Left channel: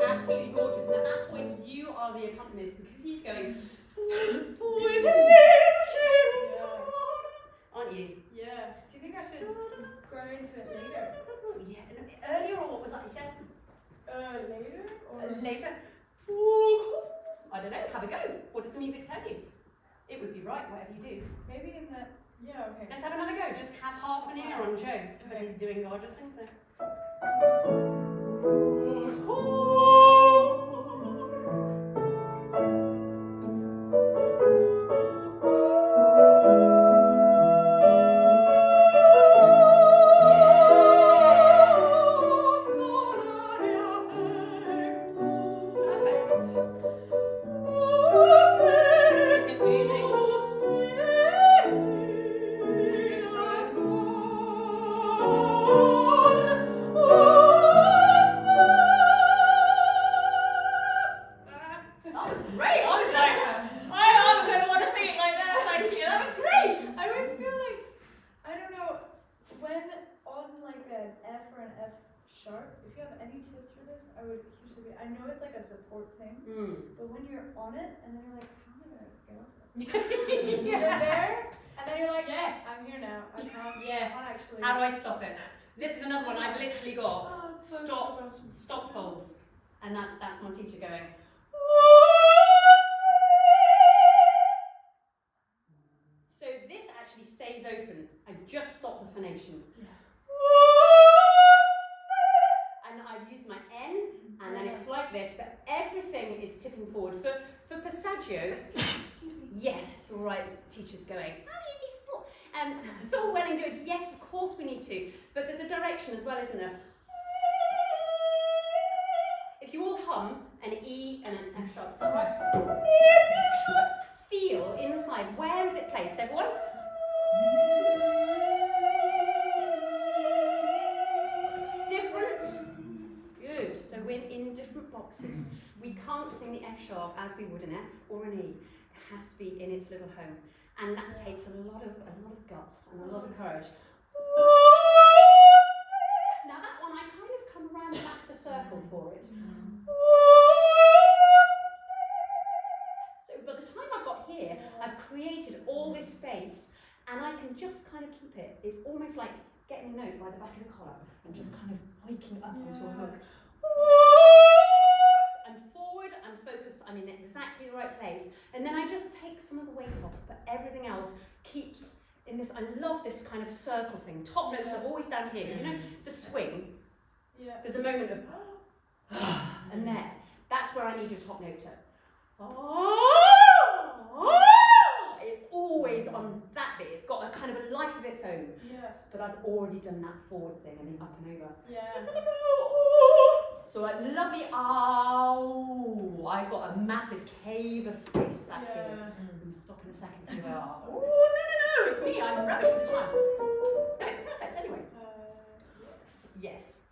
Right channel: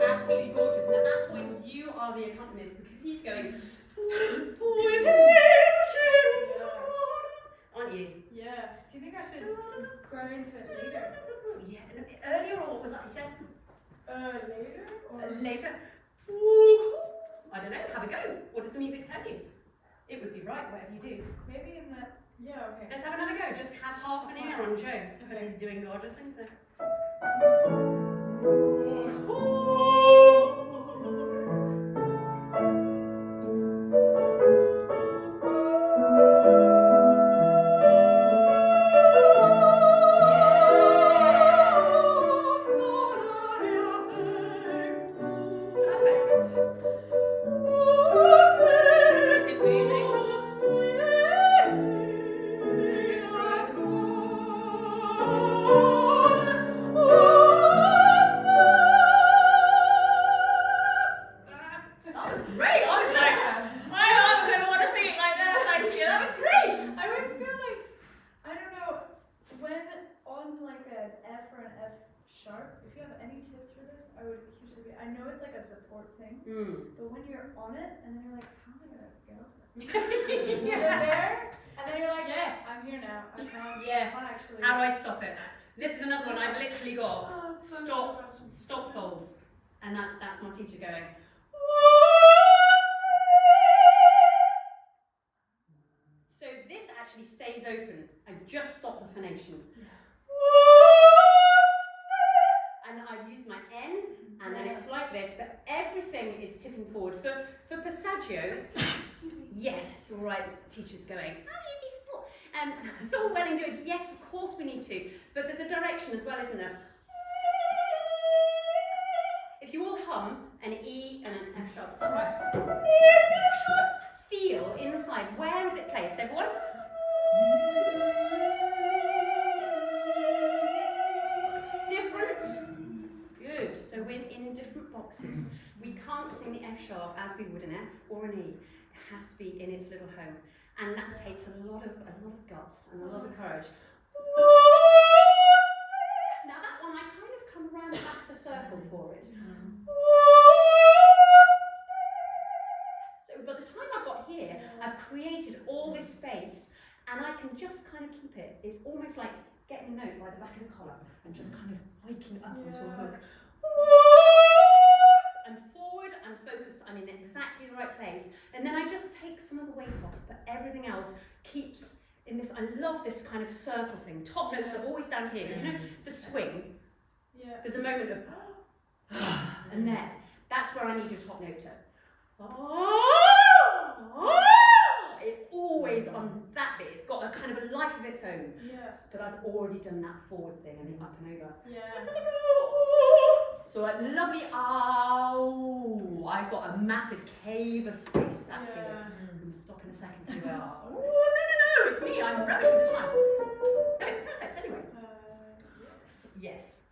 absolutely gorgeous. And at that point, you are the accompanist because he's going, aren't you? Yeah. Do you think I should grow into it later? Yeah. Earlier, or what was that you said? Later? Or Later. I don't know. Have a go. What does the music tell you? It would be right, whatever you do. maybe in the. Yeah. Okay. Let's have another go. Just have half an ear on Joe because he's doing gorgeous things there. I know it's like a support thing, but when you're on it and then you're like, how am I gonna get off it? You're there, and then you're like, I'm here now. I can't actually. How do I stop it? This is another one I've literally got. Stop folds, and that's my teacher going. So this actually stays open. I just stop the phonation. And I've used my N, and then it's like this, but everything is tipping forward. For passaggio, yes, it's all right, teacher's going, how does he stop? It's all well and good, yes, of course we need to, but there's a direction as well, isn't there? If you all hum an E and an F sharp, right? F sharp, feel inside, where is it placed, everyone? Different? Good, so we're in different boxes. We can't sing the F sharp as we would an F or an E. It has to be in its little home. And that takes a lot of guts and a lot of courage. Now that one, I kind of come around the back of the circle for it. So by the time I've got here, I've created all this space, and I can just kind of keep it. It's almost like getting a note by the back of the collar and just kind of waking up onto a hook. I'm forward, I'm focused, I'm in exactly the right place, and then I just take some of the weight off, but everything else keeps in this. I love this kind of circle thing. Top notes are always down here, you know, the swing. There's a moment of and then that's where I need your top note to. It's always on that bit. It's got a kind of a life of its own. But I've already done that forward thing and the up and over. So a lovely I've got a massive cave of space back here. I'm going to stop in a second for no, it's me. I'm rubbish with the time. No, it's perfect anyway. Yes.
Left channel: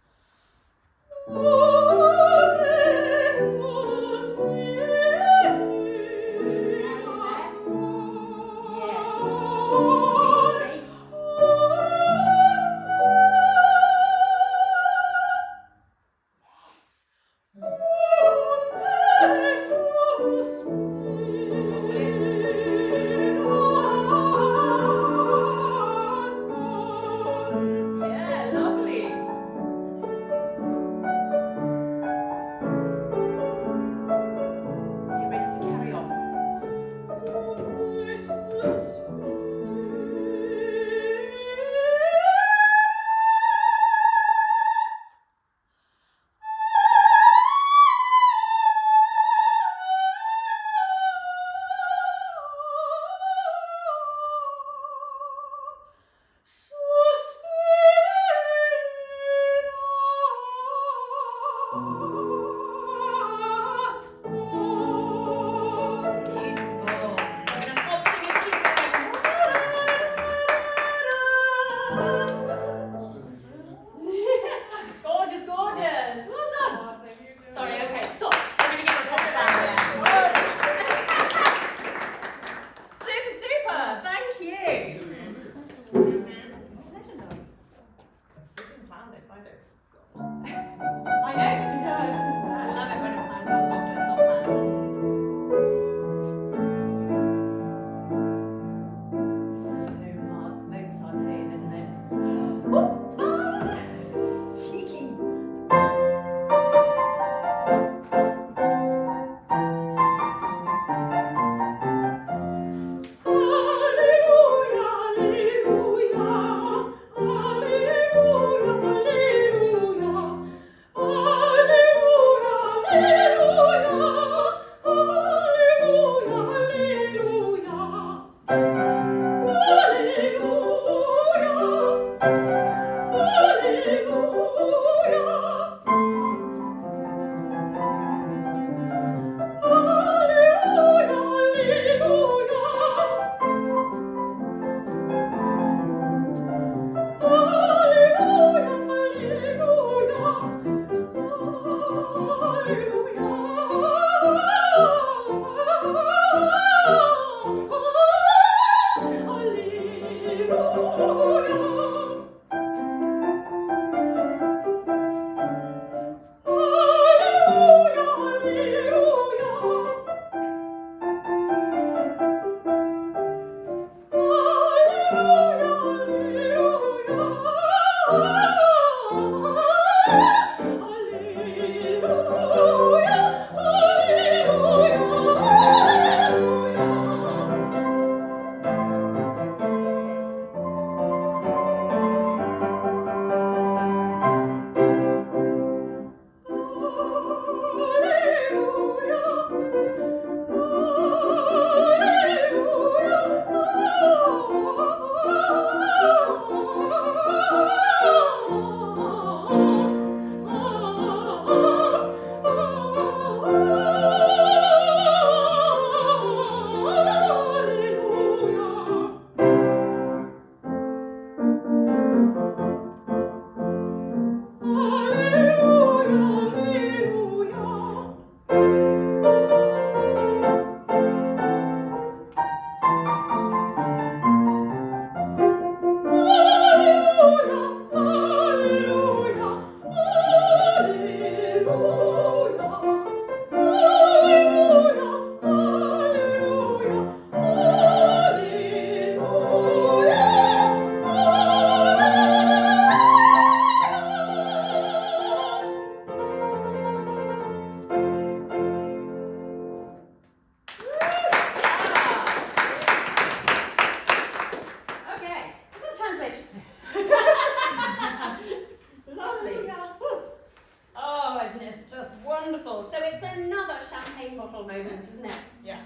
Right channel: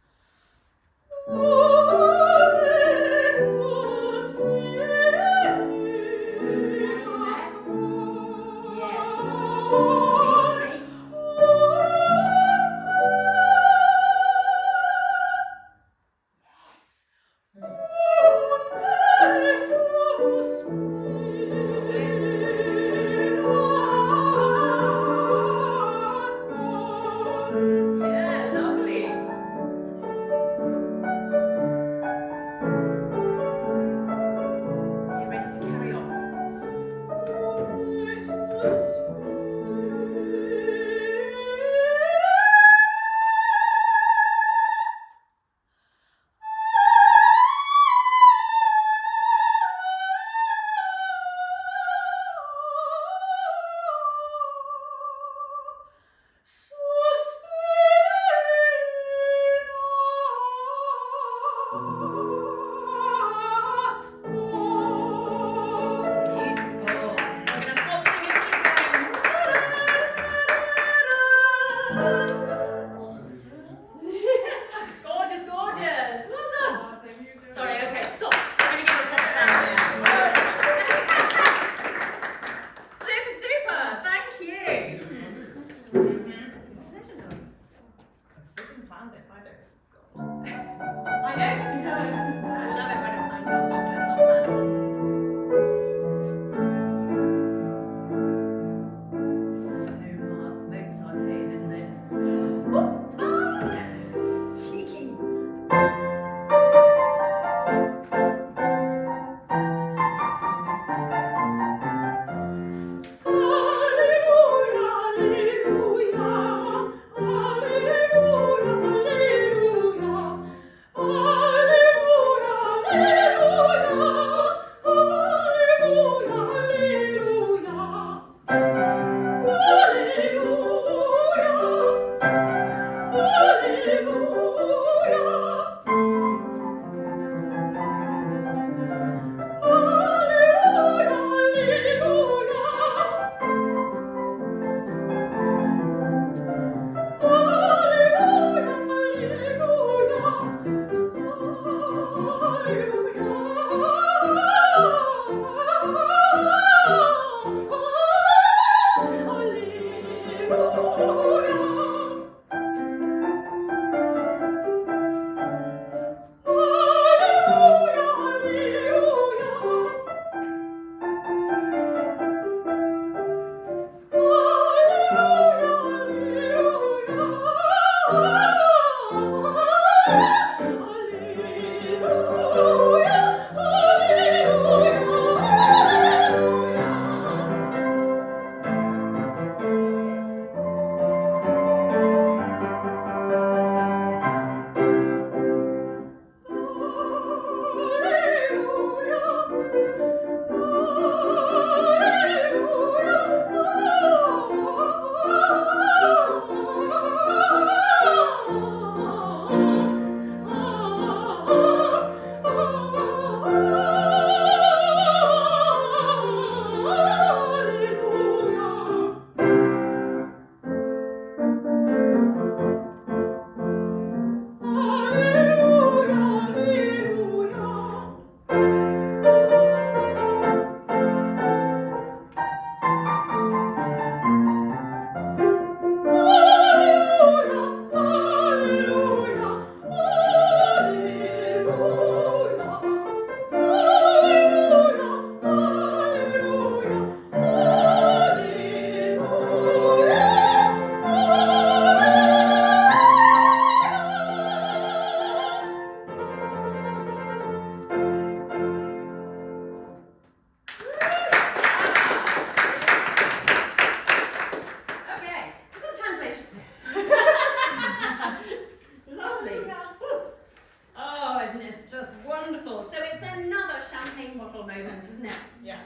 wonderful. So it's another champagne bottle moment, isn't it? Yeah.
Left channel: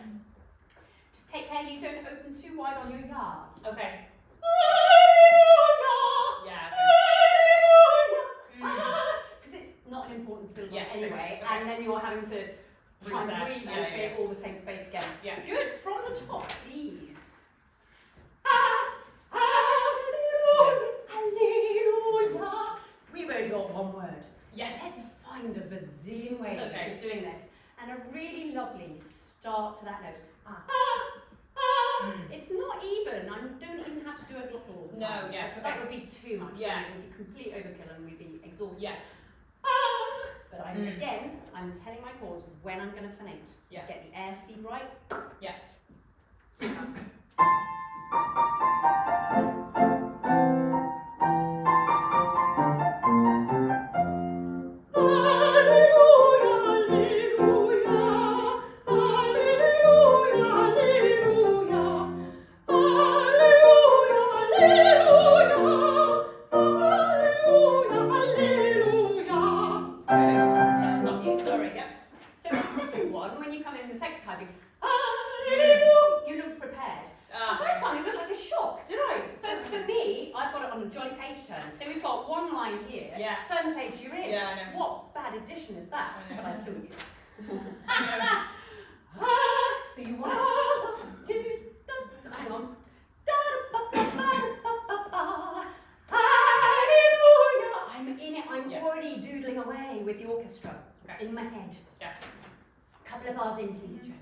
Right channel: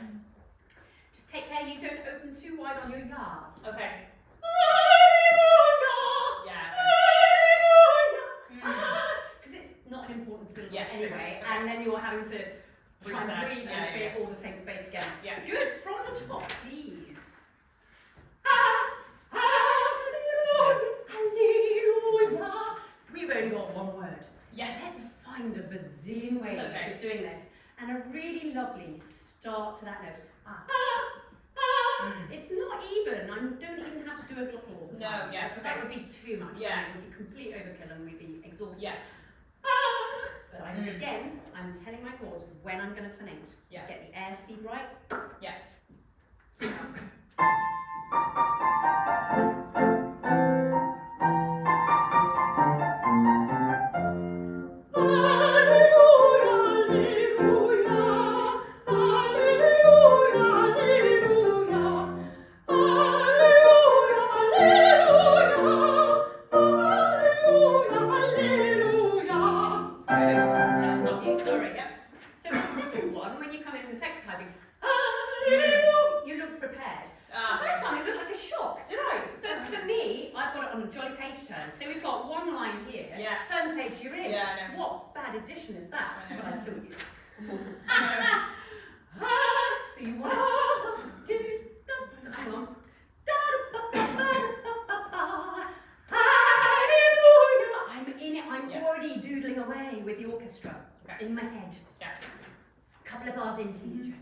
Just take care you don't open too wide on your yas. Okay. Yeah. Because it's not an important syllable Yes, anyway, okay. and then you're having to try and Reset, breathe yeah, and create yeah. all the same space again. Yeah. Good. From the top, please. Hallelujah. We've only got one word. Yeah. Let's find a bazillion ways Okay. of doing this, and a really lovely start to that note. It's not even. I don't even have to do a glottal all the time. No, yeah, because okay. that would be too much. Yeah. It would be complete overkill and we'd be exhausted. Yes. But I'm telling my chords when I'm going to phonate. Yeah. Get the air speed right. Yeah. Super. You looked prepared. The first time it looked like a shock. Did I? For me, I've got it on a jolly page turn. So we've got one line here. Yeah. Turn the page you're in. Yeah, I know. What bad addition is that? I know. But I still use it. So you want to hang on. I'm in it. I'm already doodling away with the orchestra in my head. Yeah. Couple of bars in, please, Jo.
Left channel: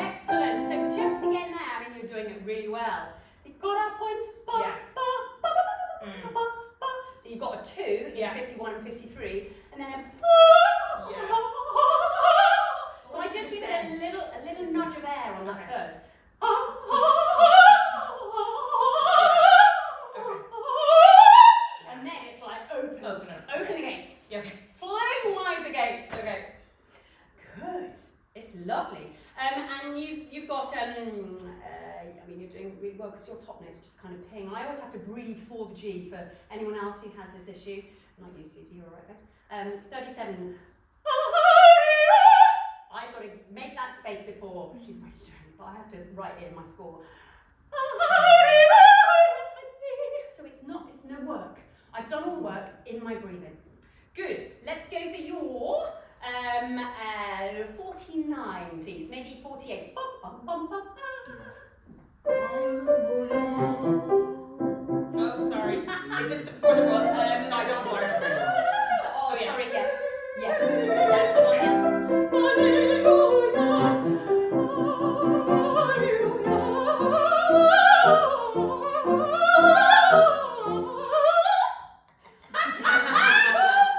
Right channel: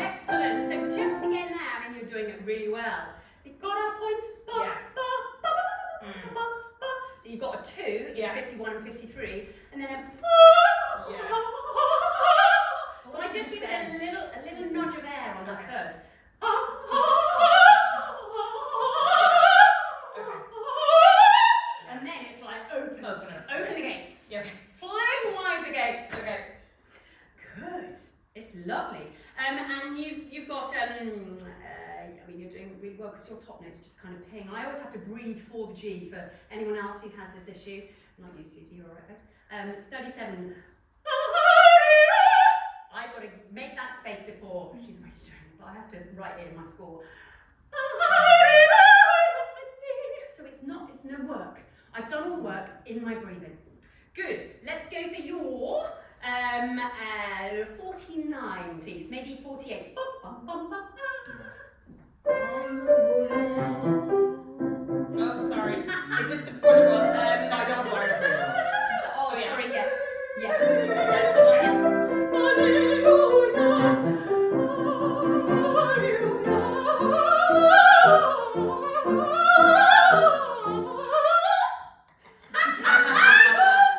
Excellent. So just again there, and you're doing it really well. You've got our points. So you've got a 2 in 51 and 53, and then a So I just give it a little nudge of air on that first. And then it's like open the gates. Yeah. Flying wide the gates. Okay. Good. It's lovely. And you've got I mean you're doing really well because your top notes just kind of ping. I always have to breathe for the G for anyone else who has this issue. Not you, Susie, you're all right. 37. I've got to make that space before she's ready to turn, but I have to write it in my score. So it's no work. I've done all the work in my breathing. Good. Let's go for your 49, please. Maybe 48. Oh, sorry. Is this before the run? No, I don't want to learn it first. Oh, yeah. sorry. Yes. Yes.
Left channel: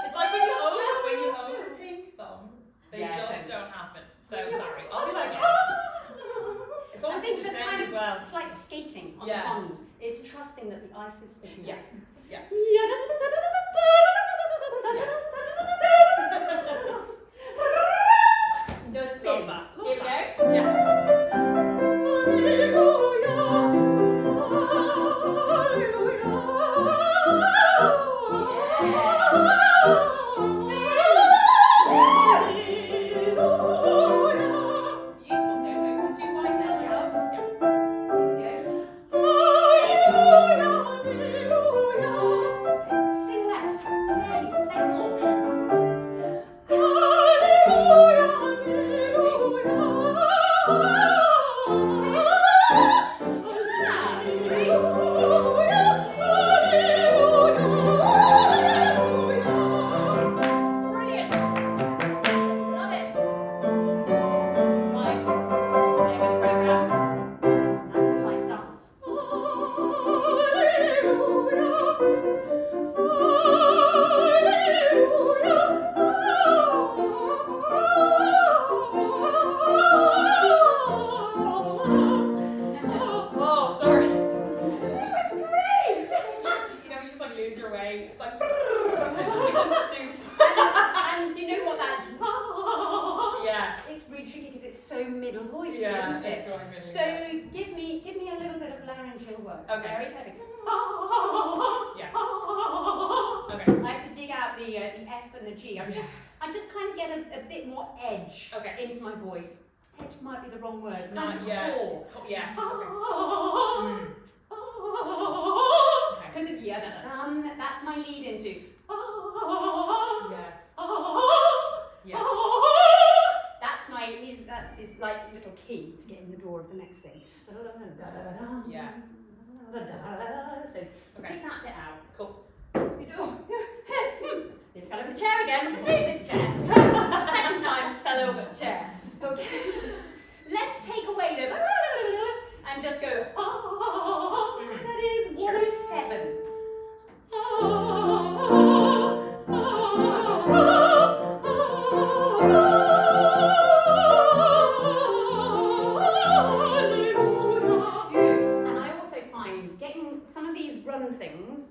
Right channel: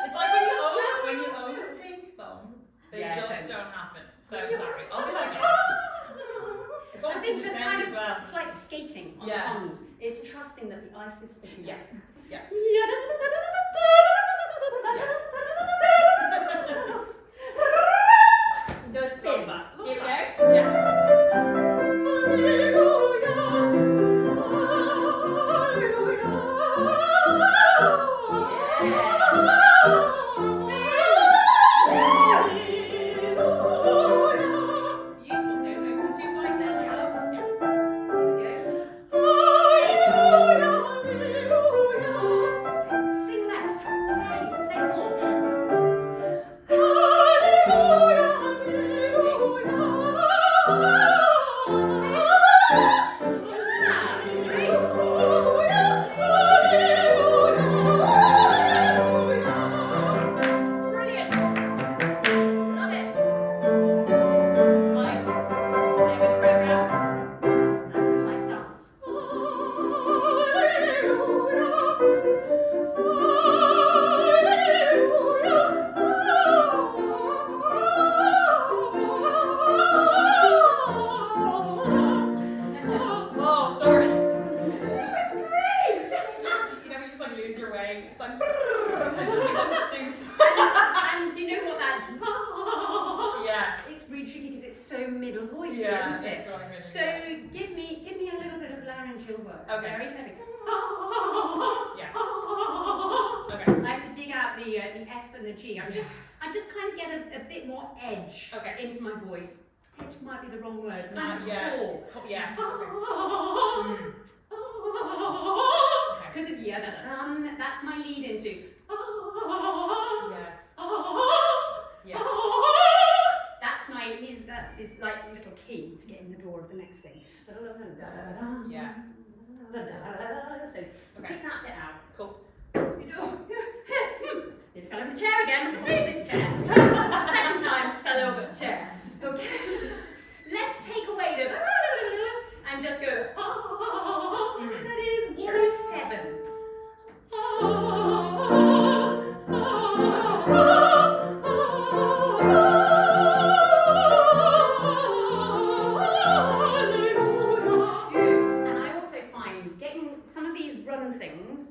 It's like when you overthink them, they just don't happen. So sorry. I'll do that again. It's always I think just kind as of, well. it's like skating on the pond. It's trusting that the ice is thick enough. Yeah. Do a spin. Love that. Here we go. Useful, don't open too wide now, love. Here we go. Sing less. Play more. Sing. away. It's like, it just becomes soup. And do you know what that? Yeah. It's really tricky because it's so middle voicey, Yeah, isn't it? it's going really So give me a little bit of laryngeal work. Okay. Very heavy. Yeah. Okay. I have to dig out the F and the G. I just kind of get a bit more edge into my voice. Edge might be the wrong word. Not yet. Yeah. Because that's my lead into. Yes. Yeah. That's his like little key to get in the door of the next thing. Yeah. So pick that bit out. Cool. You do. It fell over the chair again. Move this chair. Second time fell over the chair. Okay. Let's take away the and just go. That is 107. Good. And I also find getting some of these run things.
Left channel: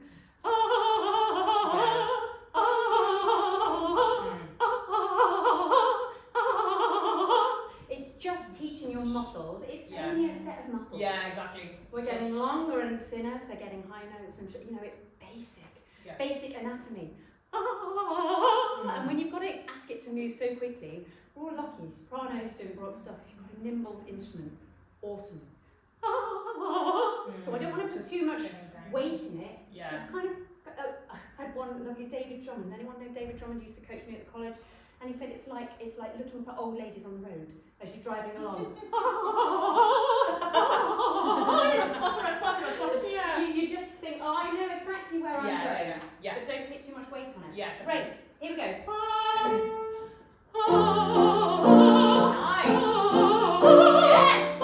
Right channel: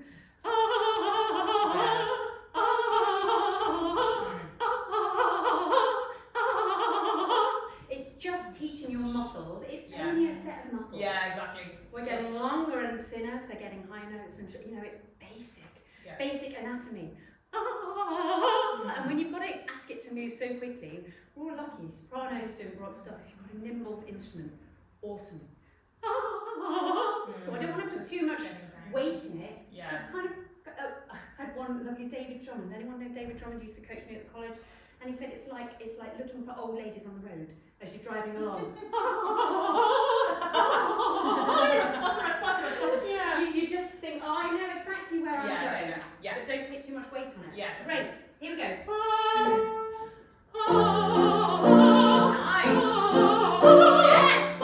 It's just teaching your muscles. It's only a set of muscles. Yeah, exactly. We're getting longer and thinner for getting high notes, and it's basic anatomy. And when you've got to ask it to move so quickly, we're all lucky. Sopranos doing rock stuff. If you've got a nimble instrument, awesome. So I don't want to put too much weight in it. Yeah. Just kind of. I had one lovely David Drummond. Anyone know David Drummond? Used to coach me at the college, and he said it's like looking for old ladies on the road as you're driving along. Yeah. You just think, oh, I know exactly where I'm going. Yeah. But don't take too much weight on it. Yes. Great. Here we go. Nice. Yes.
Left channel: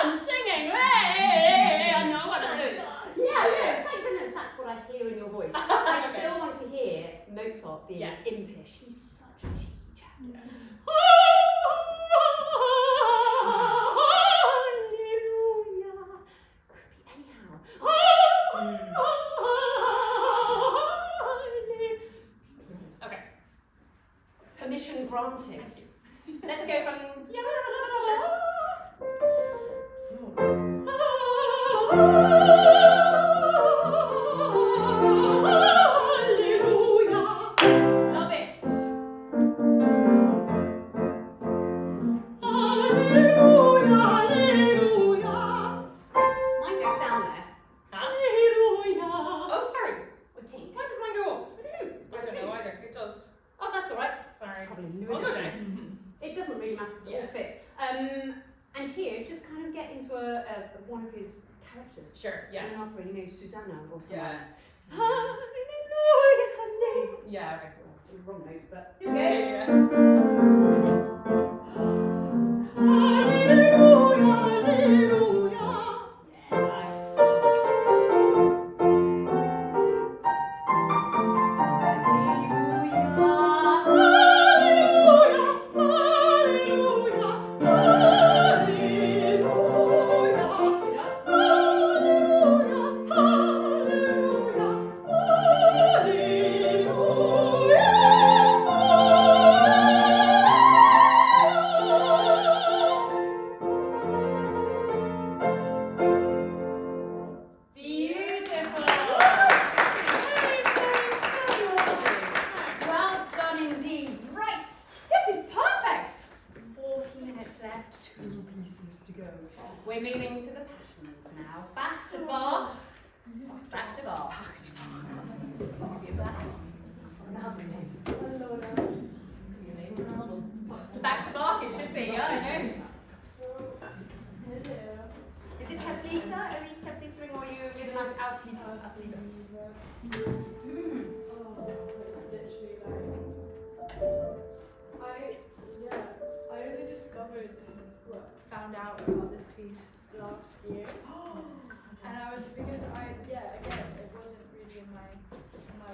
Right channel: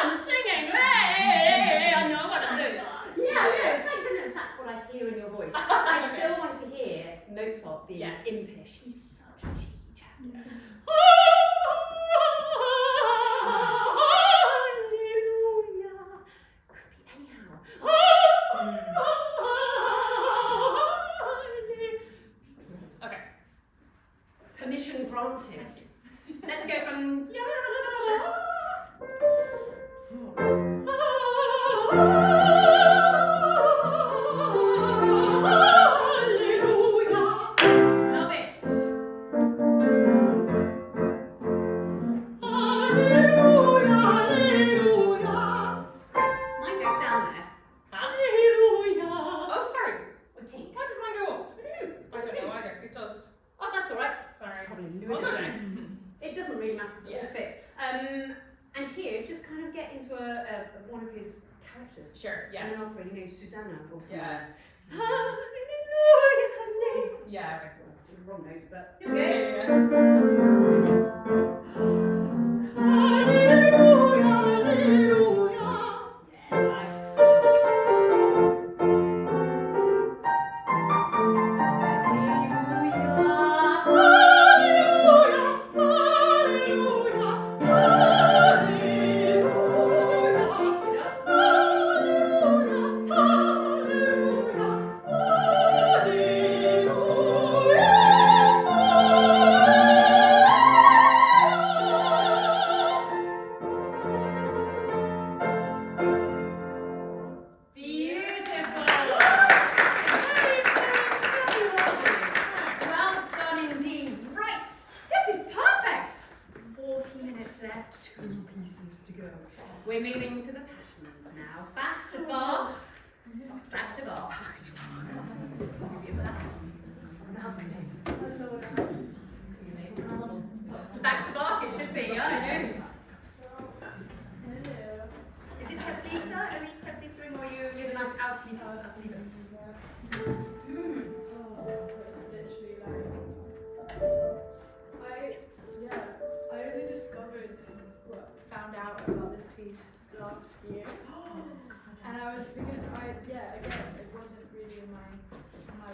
I'm singing, hey, I know what I'm doing. Yeah, thank goodness that's what I hear in your voice. I still want to hear Mozart being impish. He's such a cheeky chap. Yeah. Hallelujah. Could be anyhow. Okay. Permission granted. Let's go from. Love it. Mine goes down there. Oh, sorry. Or tink. Why does mine go up? I don't know either. It does. Oh, that's all right. Sorry. It's probably a new Well done. addition. It doesn't really matter because it all fits. And here, just kind of get into one of his characters. Sure. Yeah. In an opera, Susanna or something. Yeah. Hallelujah. Yeah. Okay. Wrong notes, but here we go. Yeah, nice. We're moving to the passions now. Back to Bach. Back to Bach. Back to Bach it should be, yeah, I know. Is it Teflisa? Are we Teflisering or you live like Auslieber? I only found out about this piece last year. And I was, because again, it wasn't really in my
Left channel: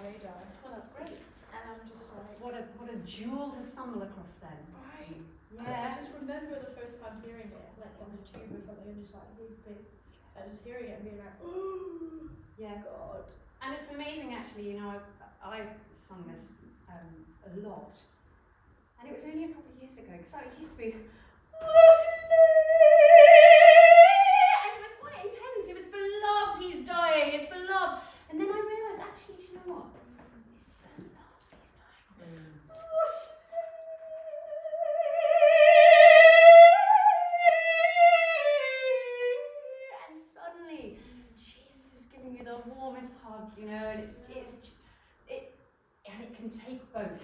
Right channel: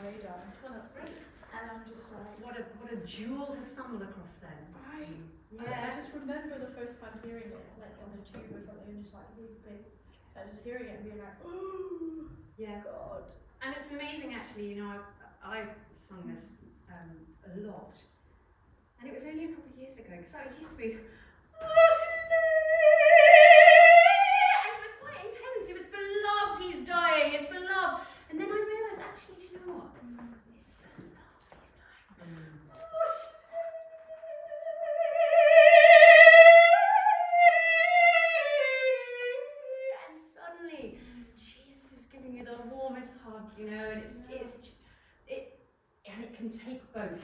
radar. Well, that's great. And I'm just like, what a jewel to stumble across then. Right. Yeah. I just remember the first time hearing it, like on the tube or something, and just like really big. And just hearing it and being like, oh, yeah. God. And it's amazing actually, you know, I've sung this a lot. And it was only a couple of years ago, because it used to be, and it was quite intense. It was for love, he's dying, it's for love. And then I realised, actually, do you know what? It's for love, he's dying. And suddenly, Jesus is giving you the warmest hug, you know, and and it can take both.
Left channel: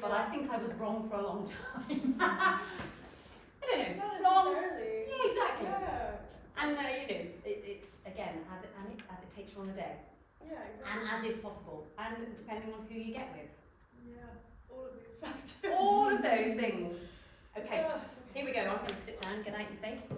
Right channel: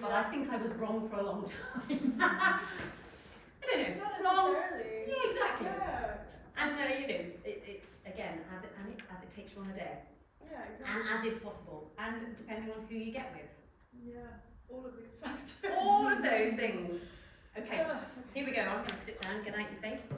But I think I was wrong for a long time. I don't know. Not necessarily. Yeah, exactly. Yeah. And you know, it's again as it takes you on the day, Yeah, exactly. and as is possible, and depending on who you get with. Yeah, all of these factors. All of those things. Okay, Ugh. here we go. I'm going to sit down, get out your face.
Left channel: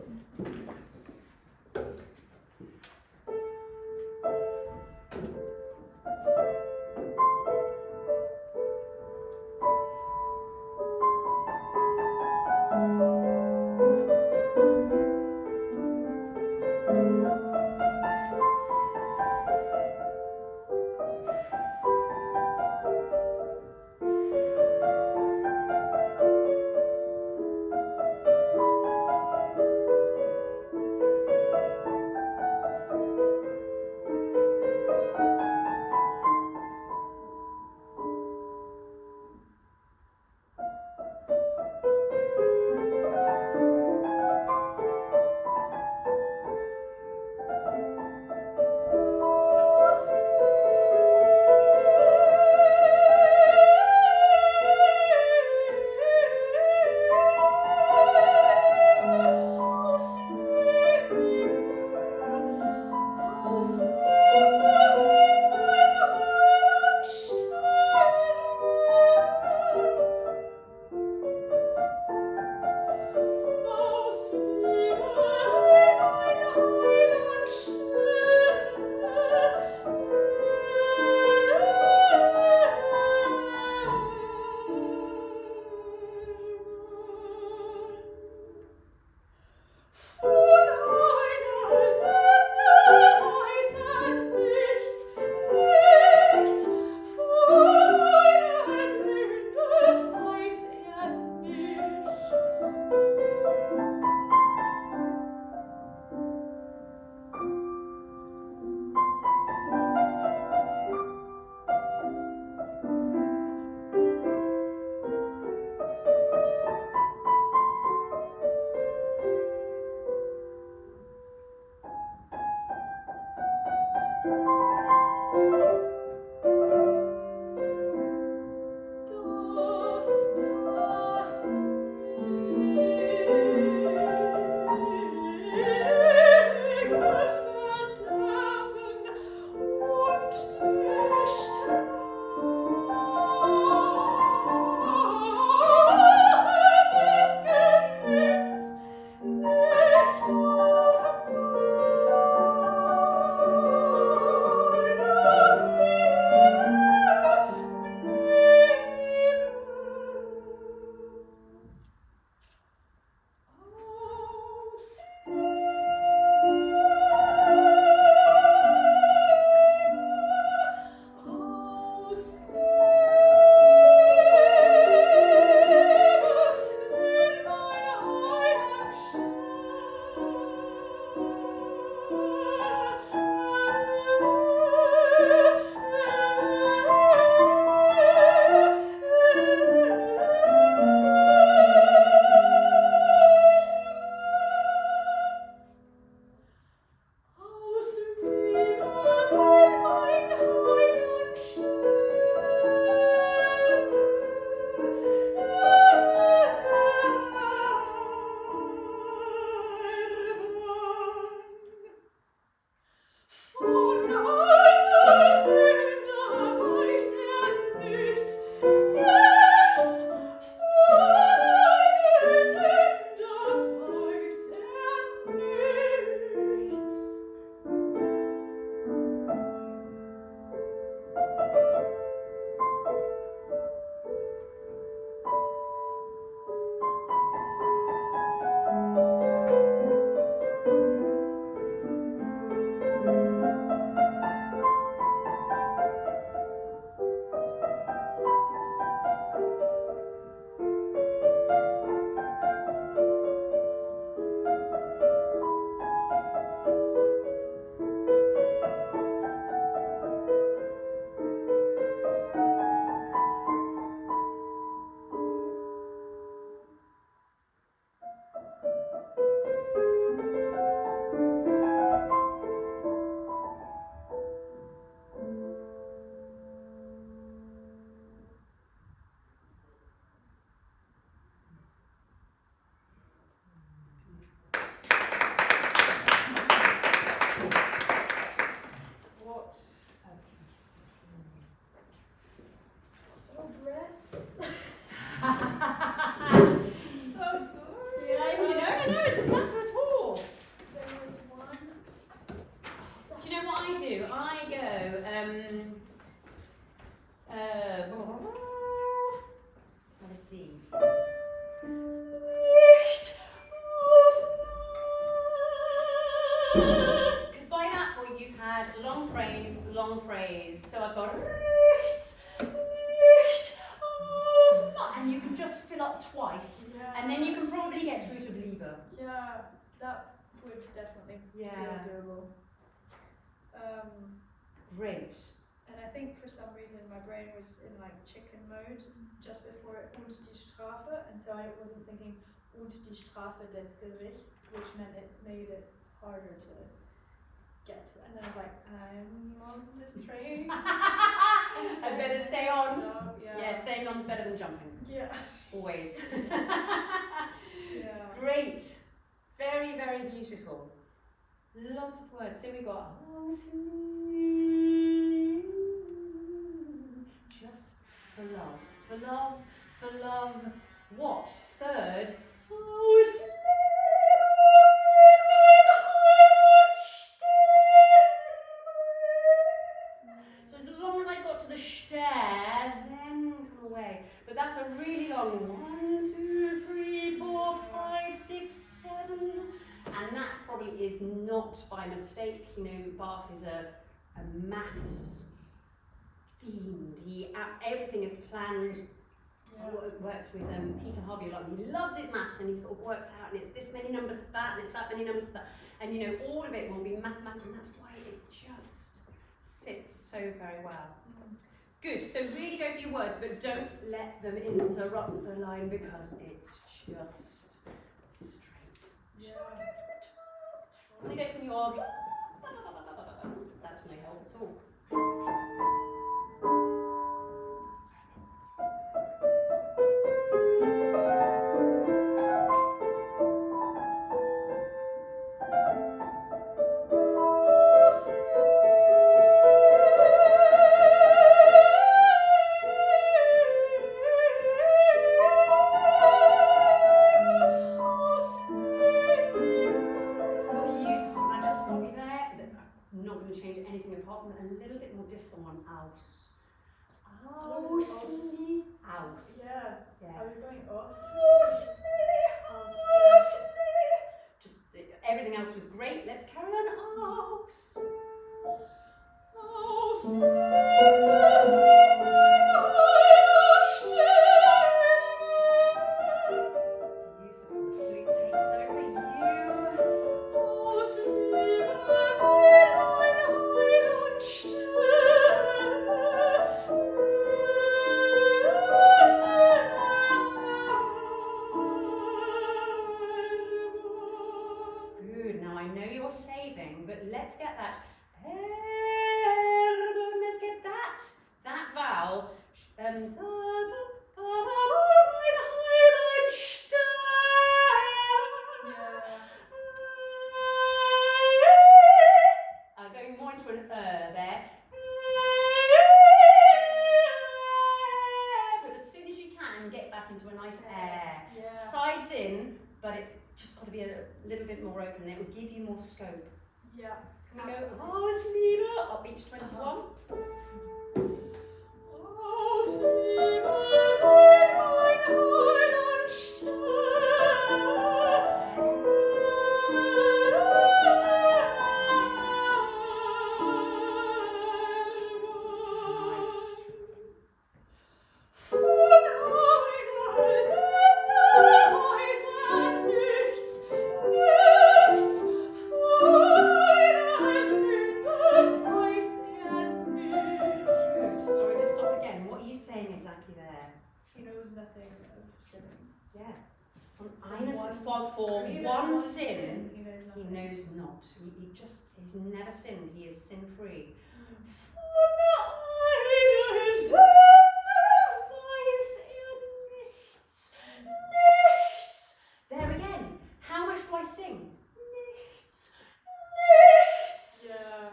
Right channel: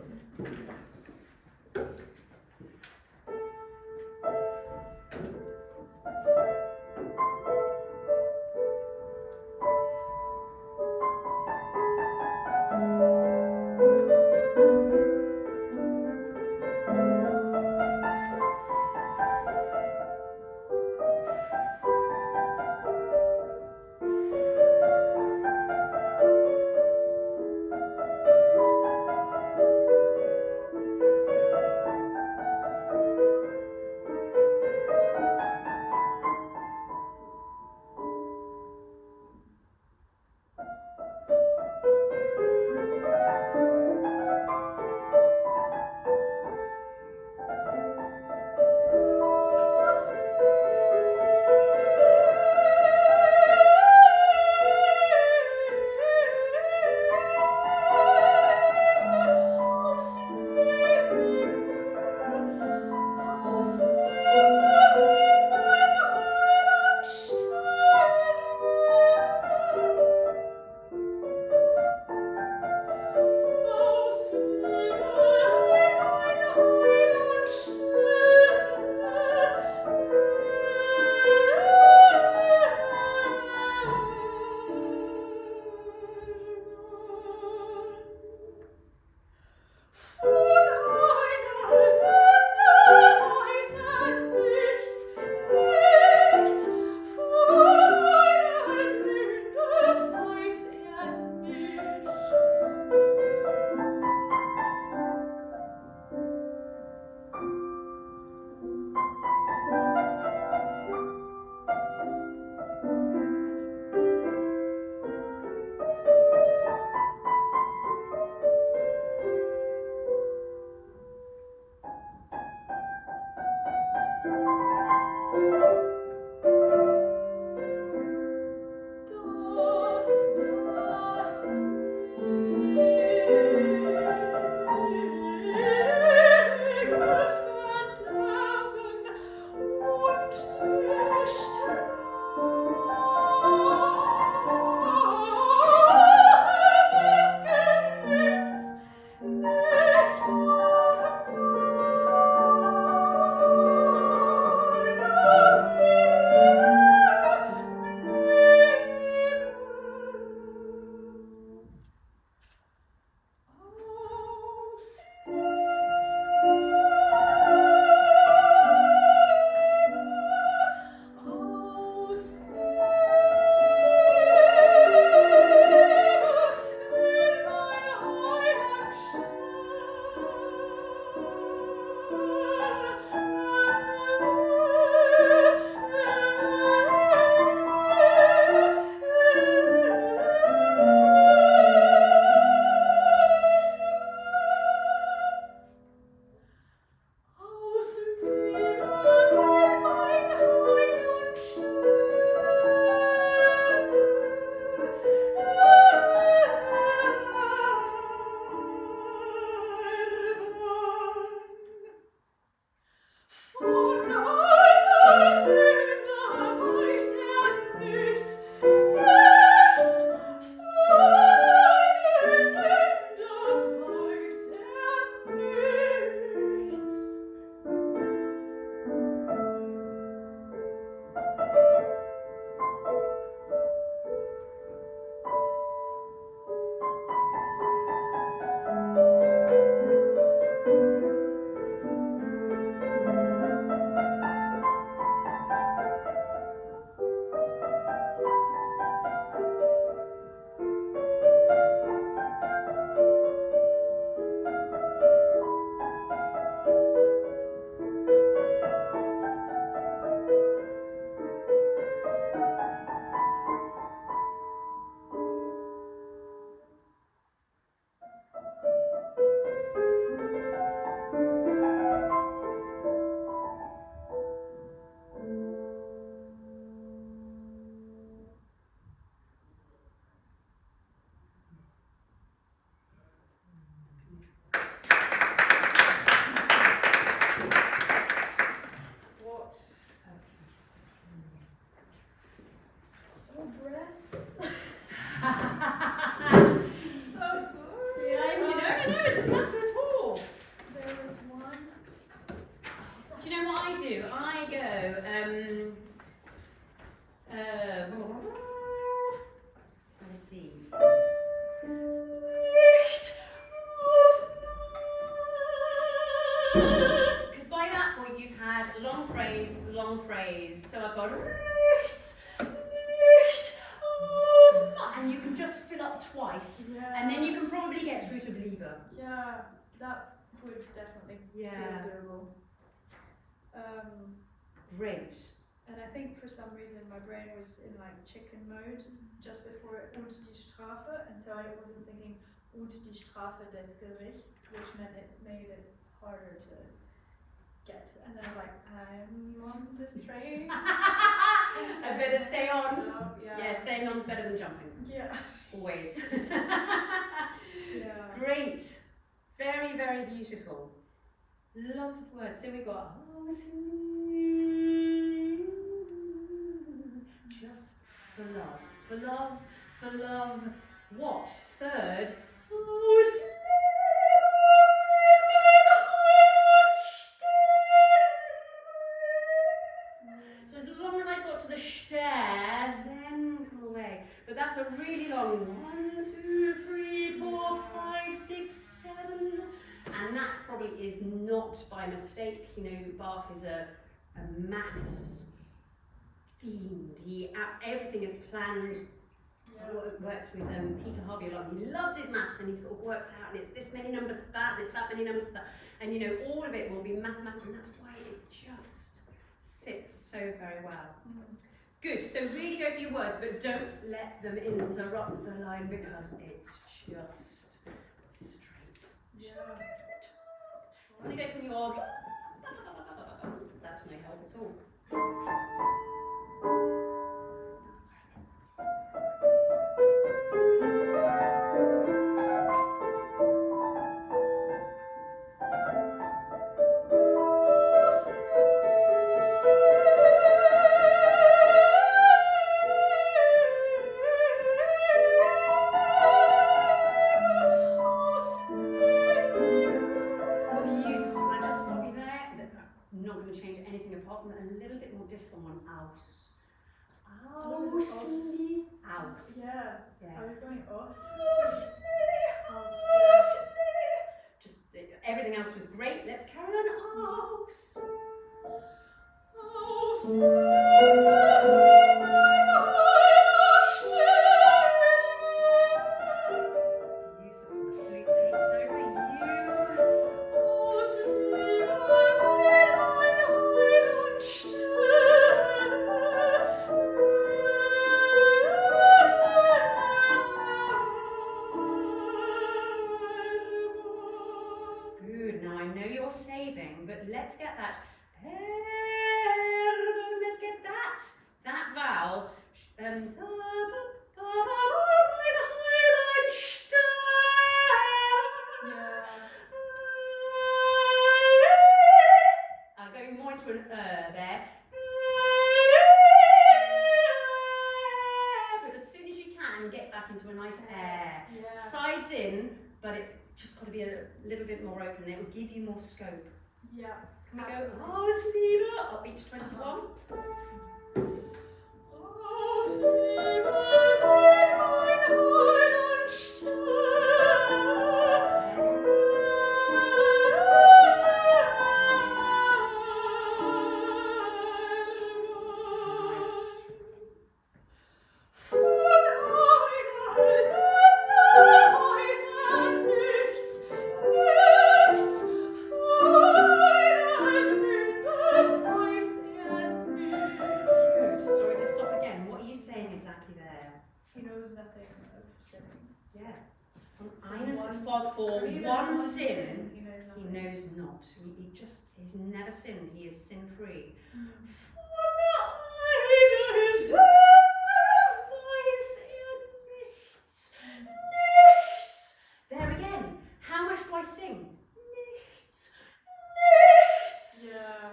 I'm sorry. Yeah, no, it doesn't matter at all. There was one. Do you know what I do? I go, D. Because by that point you've had long phrase, so I've got and you can just fill up twice, and then you can probably get through to Liebe. Yeah, that would definitely feel doable. Great. And I think for some reason my brain was in like chicken mode just before und die Strafe, and so I wasn't thinking und die Strafe des Gerichts, which meant it made it harder to get. And then I was like, I'm on this train. I better stay on. Stop, Yeah, staying on's better than jumping. Yeah. Always. Yeah. Great. Very, very beautiful. Lots of words. So we've got just for love. For love, for love. What? Third. So as long as I got to the stare, then come away. But that's a really long 1, 2, 3, 4, 5, 6, 7. And that probably is not by mistake. You know, Bach is a maths fiend. Everything is planned. Worked with Peter Harvey a lot. He loves his maths, and he sort of works out, and it's this many numbers for that, and it's that many numbers for that. And you know, all of it will be mathematical, and that's why it just sits so very well. Good, so really go for your words, but don't let them interrupt the line because it's just straight. Yeah. Shall we go from your... That's no help at all. Everything else was great. Let's carry on. Beautiful. The flute takes over saving, but let's get that. Let's get that vowel. I'm going more into an there. But as soon as you can, get back into a nice air. Yeah. Sides in, but it's just got to be a little bit more open. It will give you more scope. Yeah. Can we go? Oh, Sliva, up each 21. He just is never sinned. He is sin-free. There again. How much do I sing? Yeah.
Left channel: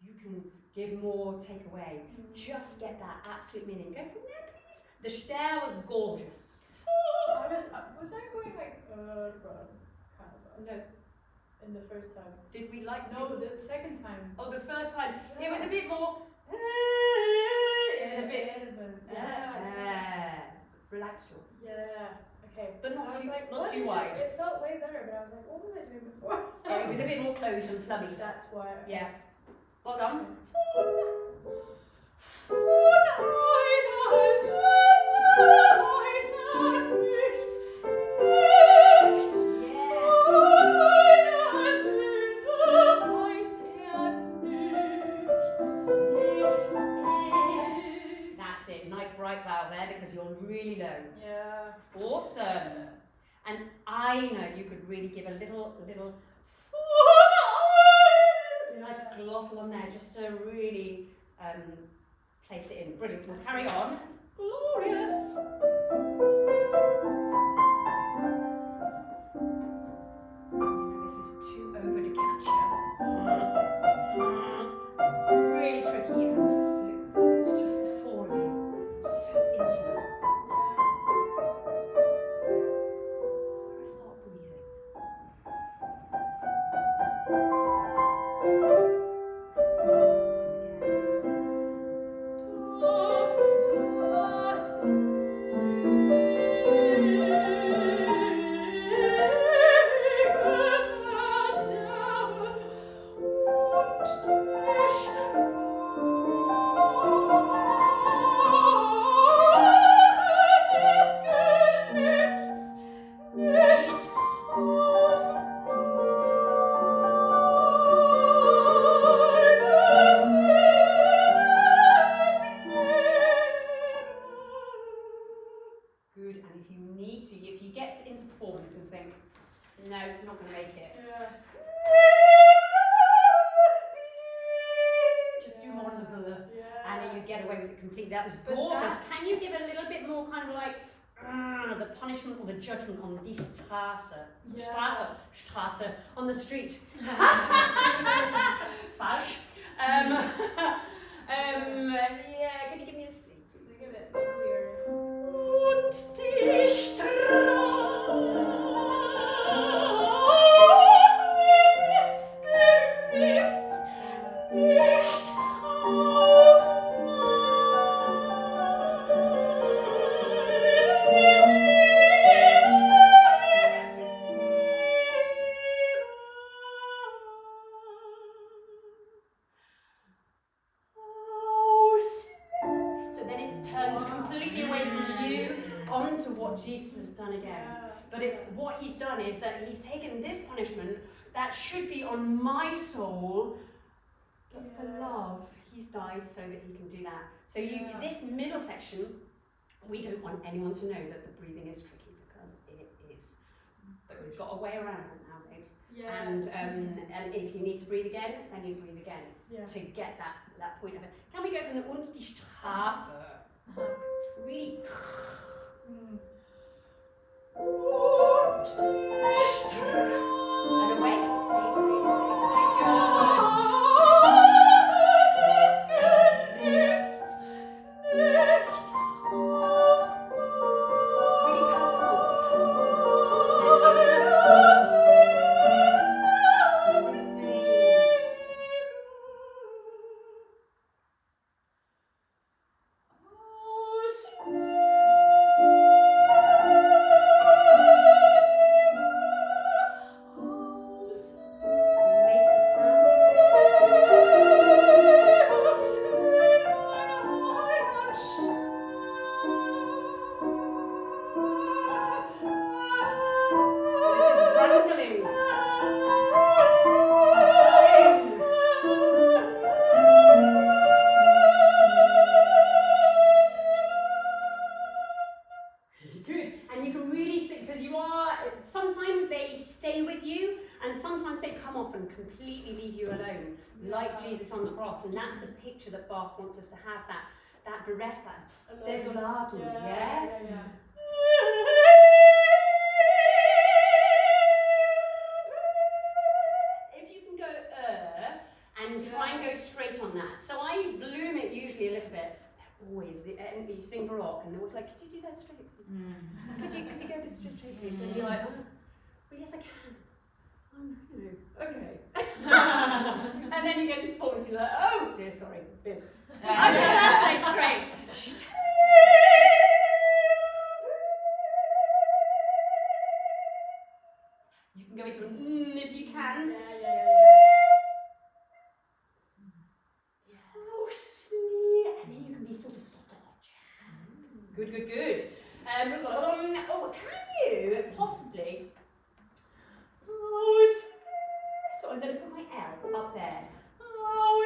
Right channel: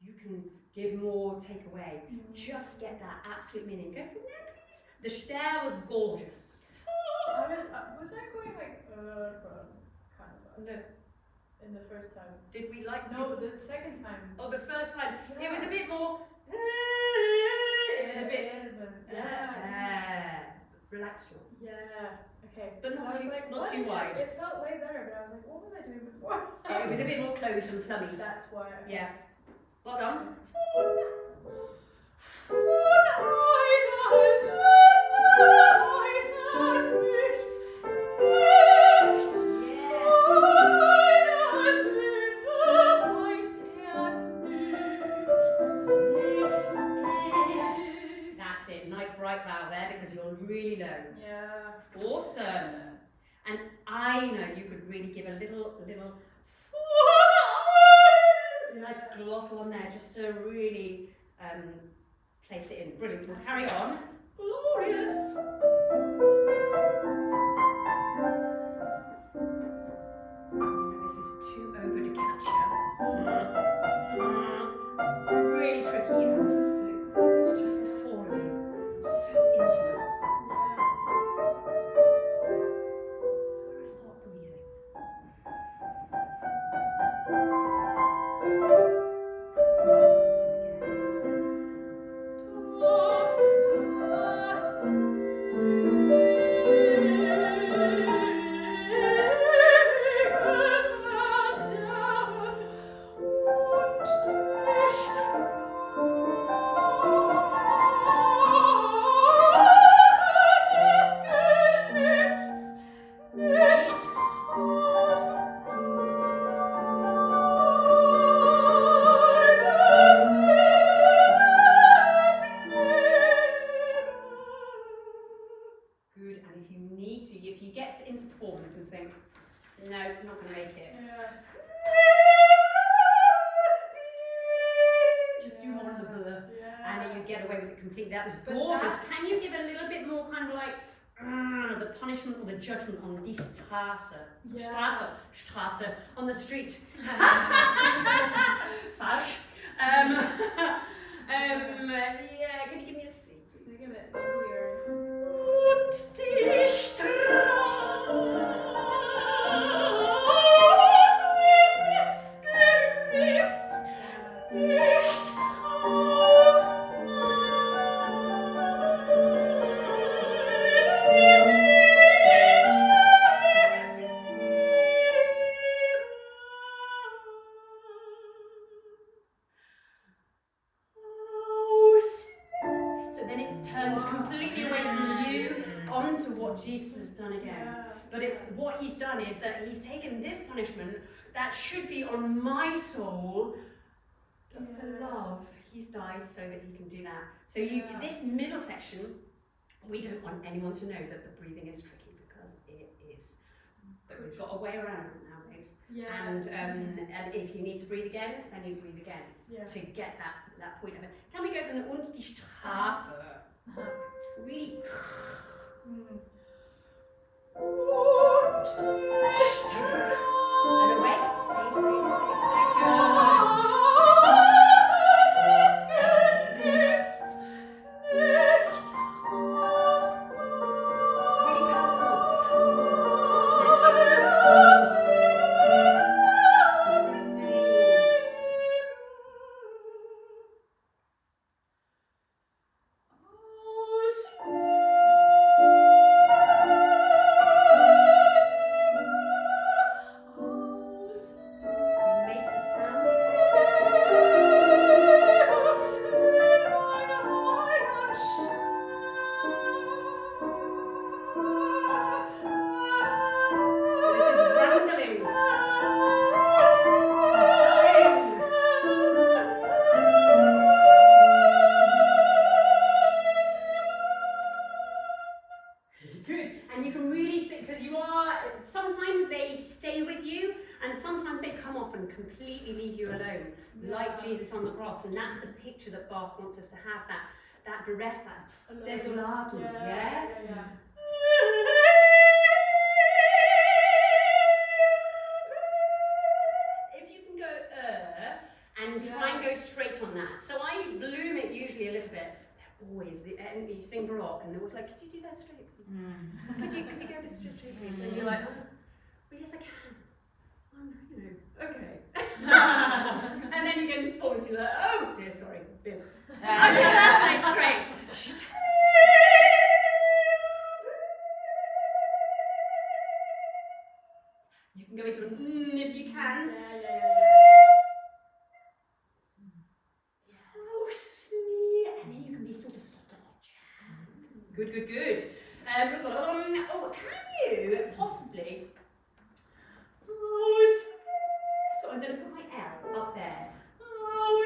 You can give more, take away. Just get that absolute meaning. Go from there, please. The Ster was gorgeous. Was I going like kind of vibes? No. In the first time. Did we like? No, the second time. Oh, the first time. Yeah. It was a bit more. It was a bit. Relaxed jaw. Yeah. Okay. But not I was too, like, not what too is wide. It felt way better, but I was like, what was I doing before? It was a bit more closed and plummy. That's why. Okay. Yeah. Well done. That's it. Nice bright vowel there because you're really low. Yeah. Awesome. And I know you could really give a little nice glottal on there just to really place it in. Brilliant. We'll carry on. Glorious. This is too over to catch you. Really tricky on the flute. It's just the four of you. So intimate. This is where I start breathing. That was gorgeous. Can you give a little bit more kind of like the punishment or the judgment on die Straße? Yeah. Straße on the street. Falsch. Yeah, can you give me a C? Just give it clear. Und die Jesus has done again. But it's what he's done is that he's taken this punishment that should be on my soul, but for love, he's died so that he can do that. So this middle section, we don't want anyone to know that the breathing is tricky because it is. But we've got a way around it now, babes. Yeah. And if you need to breathe again, then you breathe again to get that point of it. Can we go from the und die Strafe? Really. Und die Strafe. And away. Safe. Good. And that's the picture that Bach wants us to have, that bereft, that desolatum, yeah? If you can go and and try and go straight on that. So I bloom it usually a little bit. They're always, you sing Baroque and they're always like, could you do that straight? Could you go a bit straight, please? And you're like, oh, well, yes, I can. Okay. And then you get into performance, you're like, oh dear, sorry. I'm the first leg straight. You can go into an if you can. Oh, and then you can be sort of Good. Oh, can you possibly? Oh, so I'm going to put my L up there. Oh,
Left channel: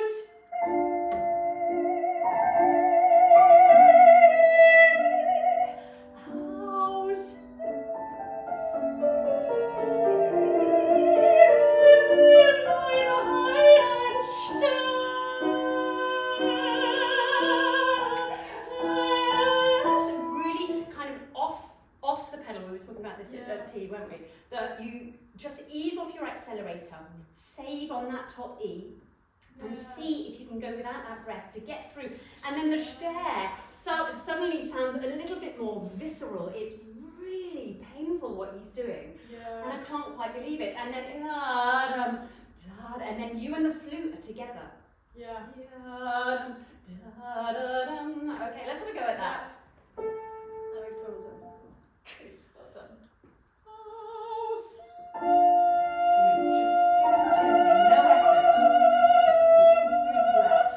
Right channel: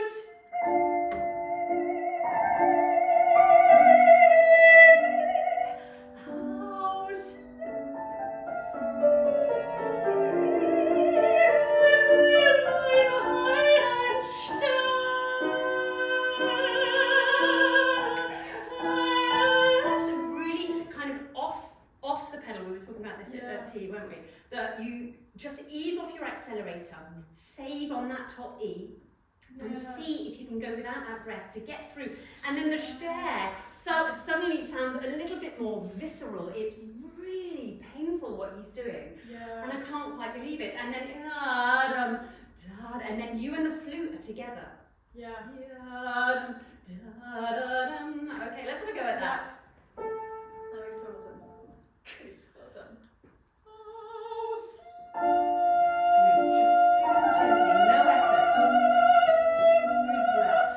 weren't we? That you just ease off your accelerator, save on that top E, and see if you can go without that breath to get through. And then the Ster suddenly sounds a little bit more visceral. It's really painful what he's doing, and I can't quite believe it. And then you and the flute are together. Okay, let's have a go at that. That makes total sense. Good, well done. Just gently, no effort. Good breath.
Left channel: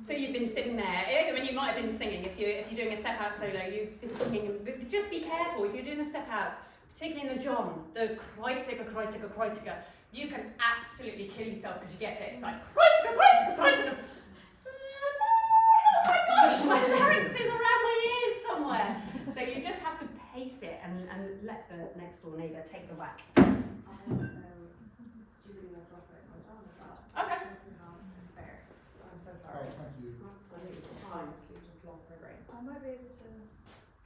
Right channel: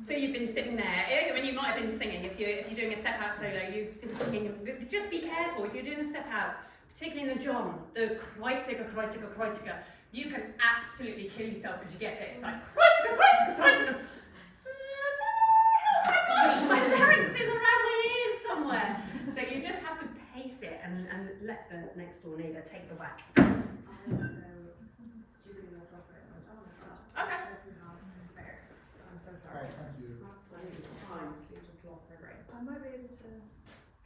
So you've been sitting there, I mean you might have been singing, if you're doing a step out solo, you've been singing, just be careful, if you're doing the step outs, particularly in the John, the Kreuziger, you can absolutely kill yourself because you get bits like Kreuziger. Oh my gosh, my larynx is around my ears somewhere. So you just have to pace it and let the next door neighbour take the whack. Okay. I'm so sorry. Oh, thank you. Absolutely. Honestly, just lost my brain. I might be able to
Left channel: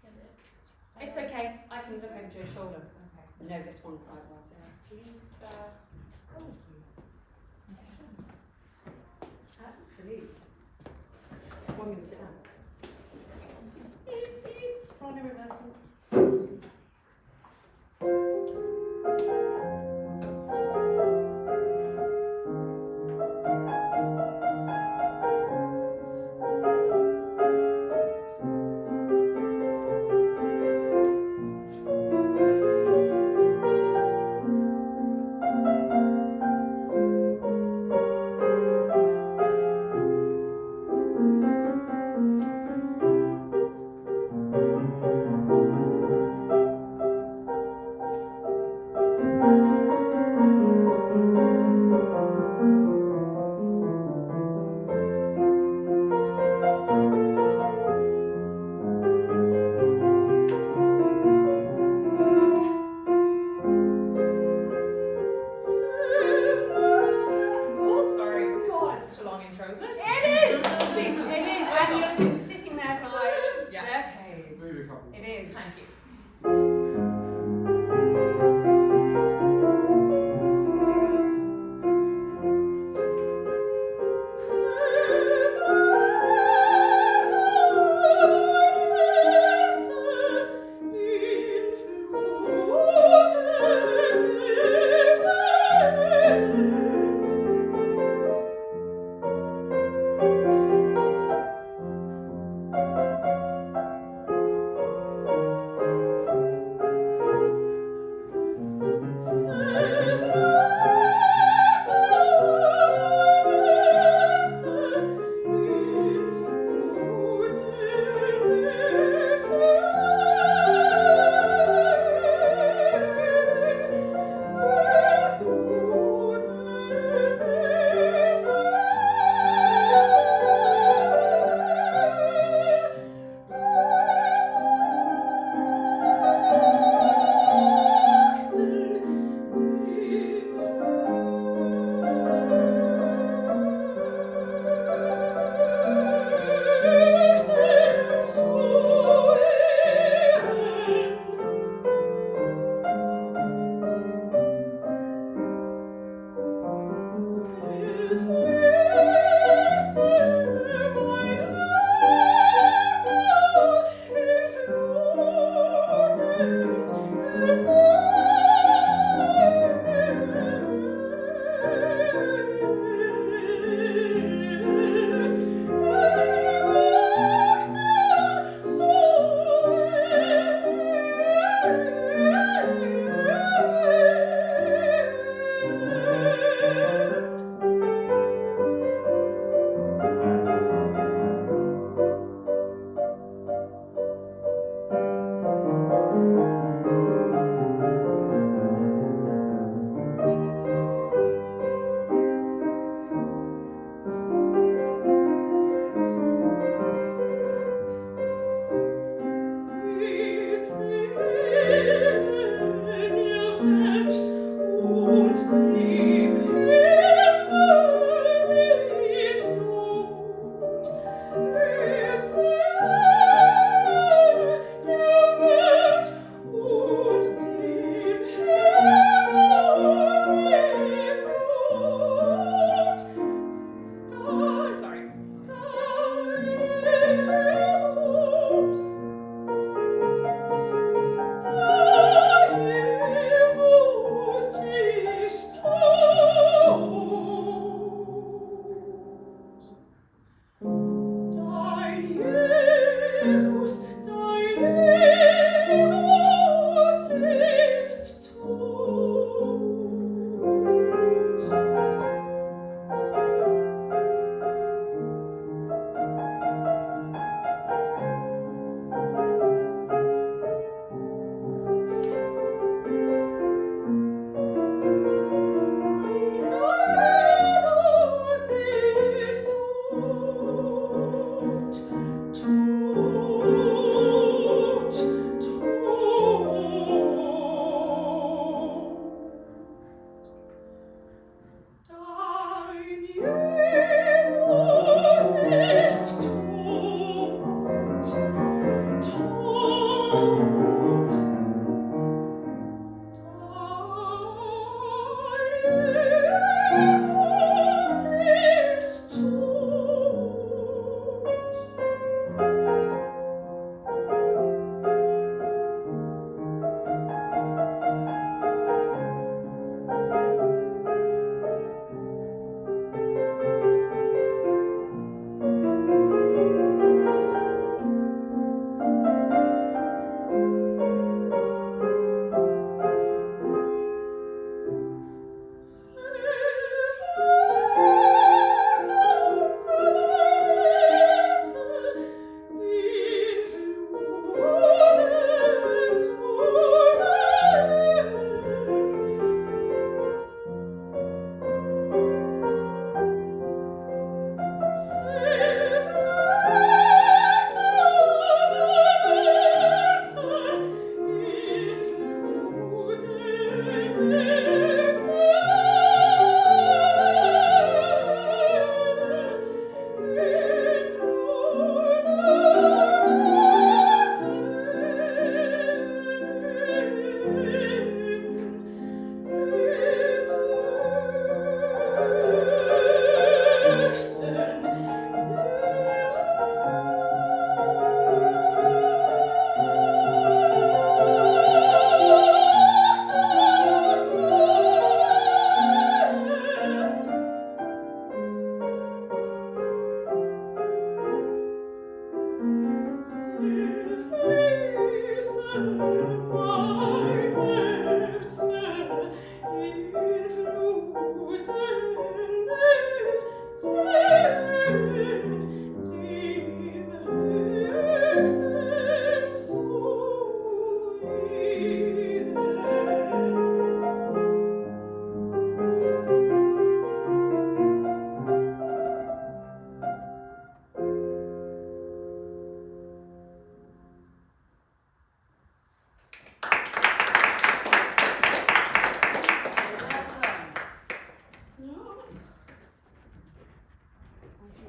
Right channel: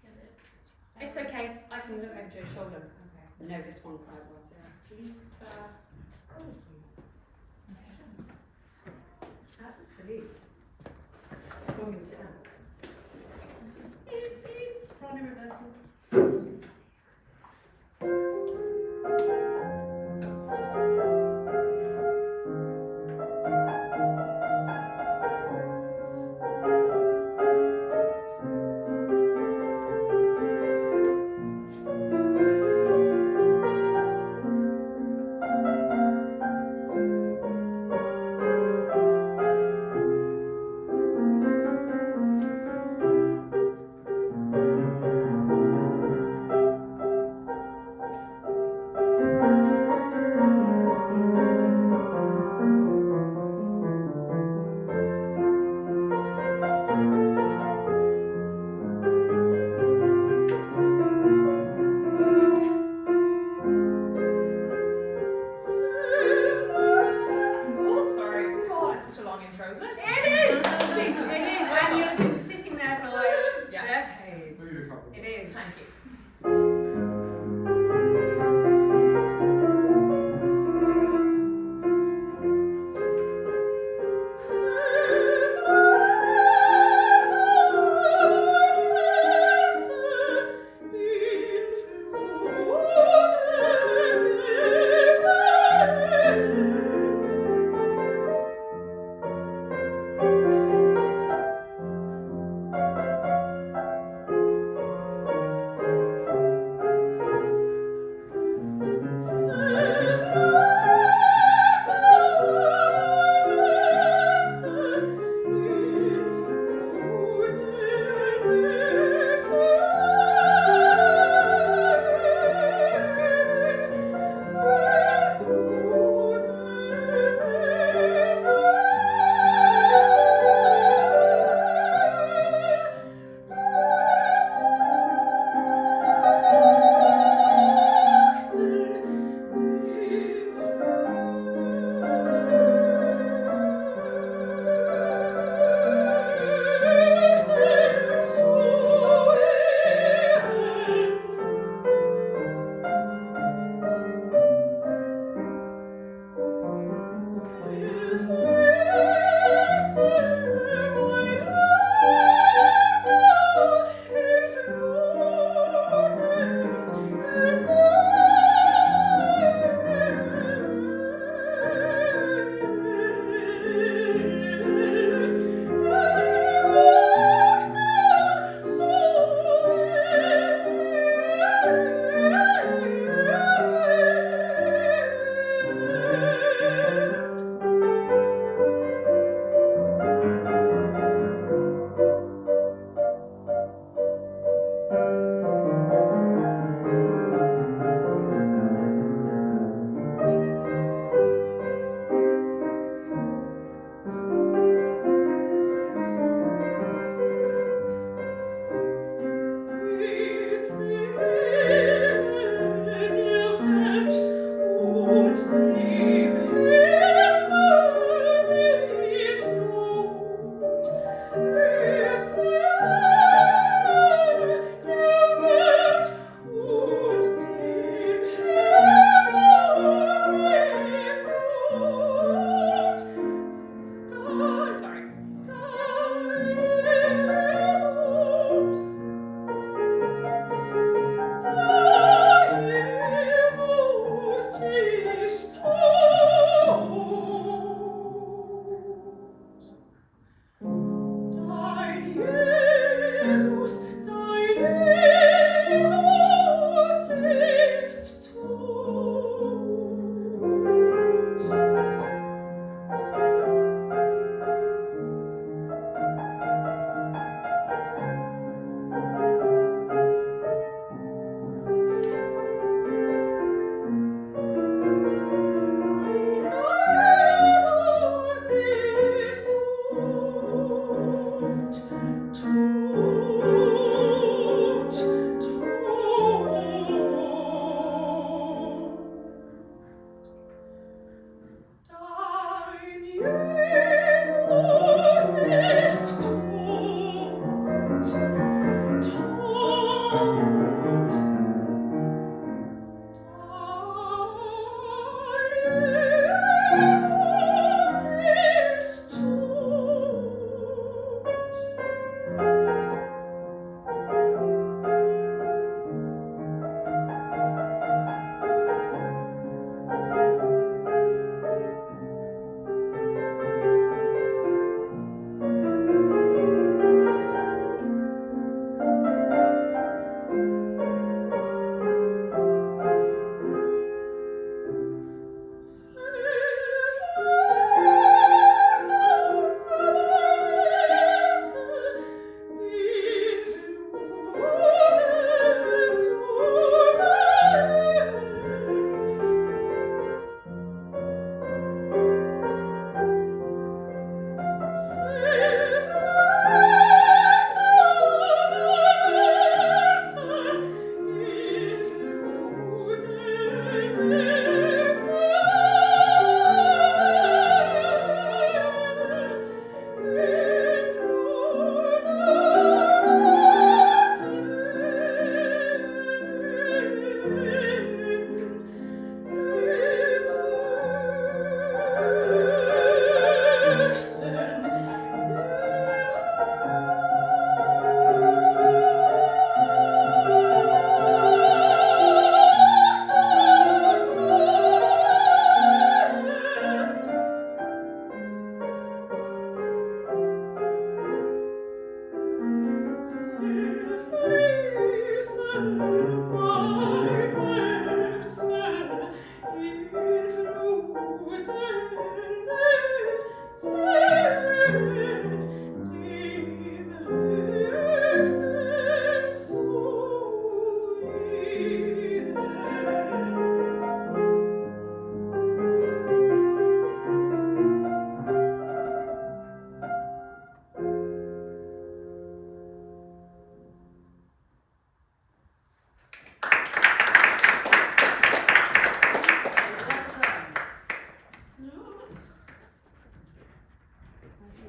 get it. It's okay. I can look over Joe's shoulder. Okay. I know this one quite well. Sarah, please. Thank you. Absolute. I'm going to sit down. Soprano reversing. Thank you. Next